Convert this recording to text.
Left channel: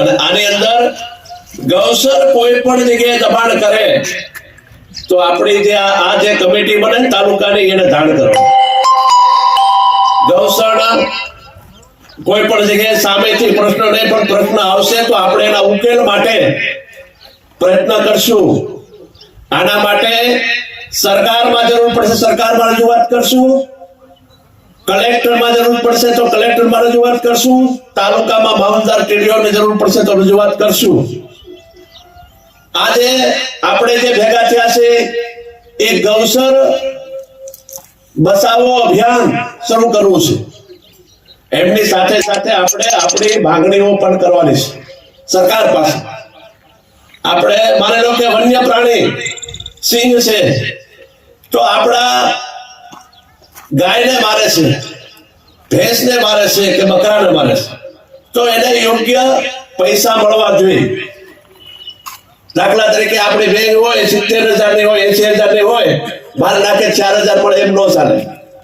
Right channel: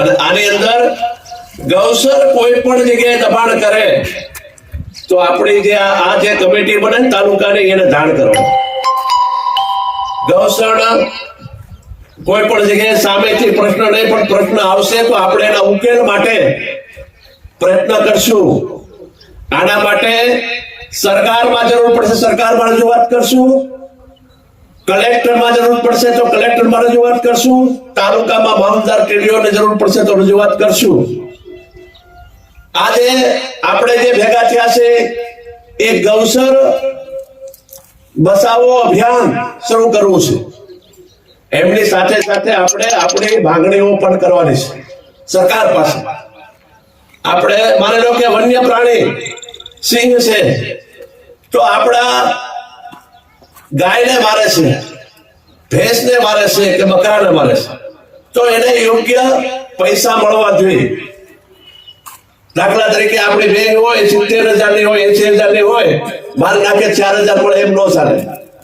અને આની અંદર ગૌસર કોઈ પણ જગ્યાએ દબાણ કરે, તો આપણી જે આ જે કમિટી બને તાલુકાની એને જાણ કરો ગૌશાળા કોઈ પણ જગ્યાએ સામેથી પ્રશ્ન નહીં, પણ પ્રશ્ન આવશે તો આપણે એના ઉકેલ માટે પ્રયત્ન કરશું. આના માટે સરકારમાં જરૂર પડશે, સરકારમાં રજૂઆત કરશું. કલેક્ટરમાં જરૂર પડશે તો કલેક્ટરમાં રજૂઆત કરશું. તાલુકામાં મામલતદાર કેડીઓને જરૂર પડશે તો રજૂઆત કરશું. આજે આપણે જે ભેગા થયા છે, એ ગૌસર બસાવો અભિયાન શરૂ કરવું છે. એમની સાથે સાથે આપણે આપણી માંગણીઓ પણ કરવાની છે. સરકાર પાસે. આપણે માની લો કે વન્ય પ્રાણી સિંહ છે. તો આપણા ગાયને મારે છે, ભેંસને મારે છે કે બકરાને મારે છે. તો એને યોગ્ય પૈસા મળવા જોઈએ. દાખલા તરીકે આપણી રેન્જ હોય, સિત્તેર હજારની હોય, એસી હજારની હોય, મારે નાખે ચાર હજાર મળે એમ ન ચાલે.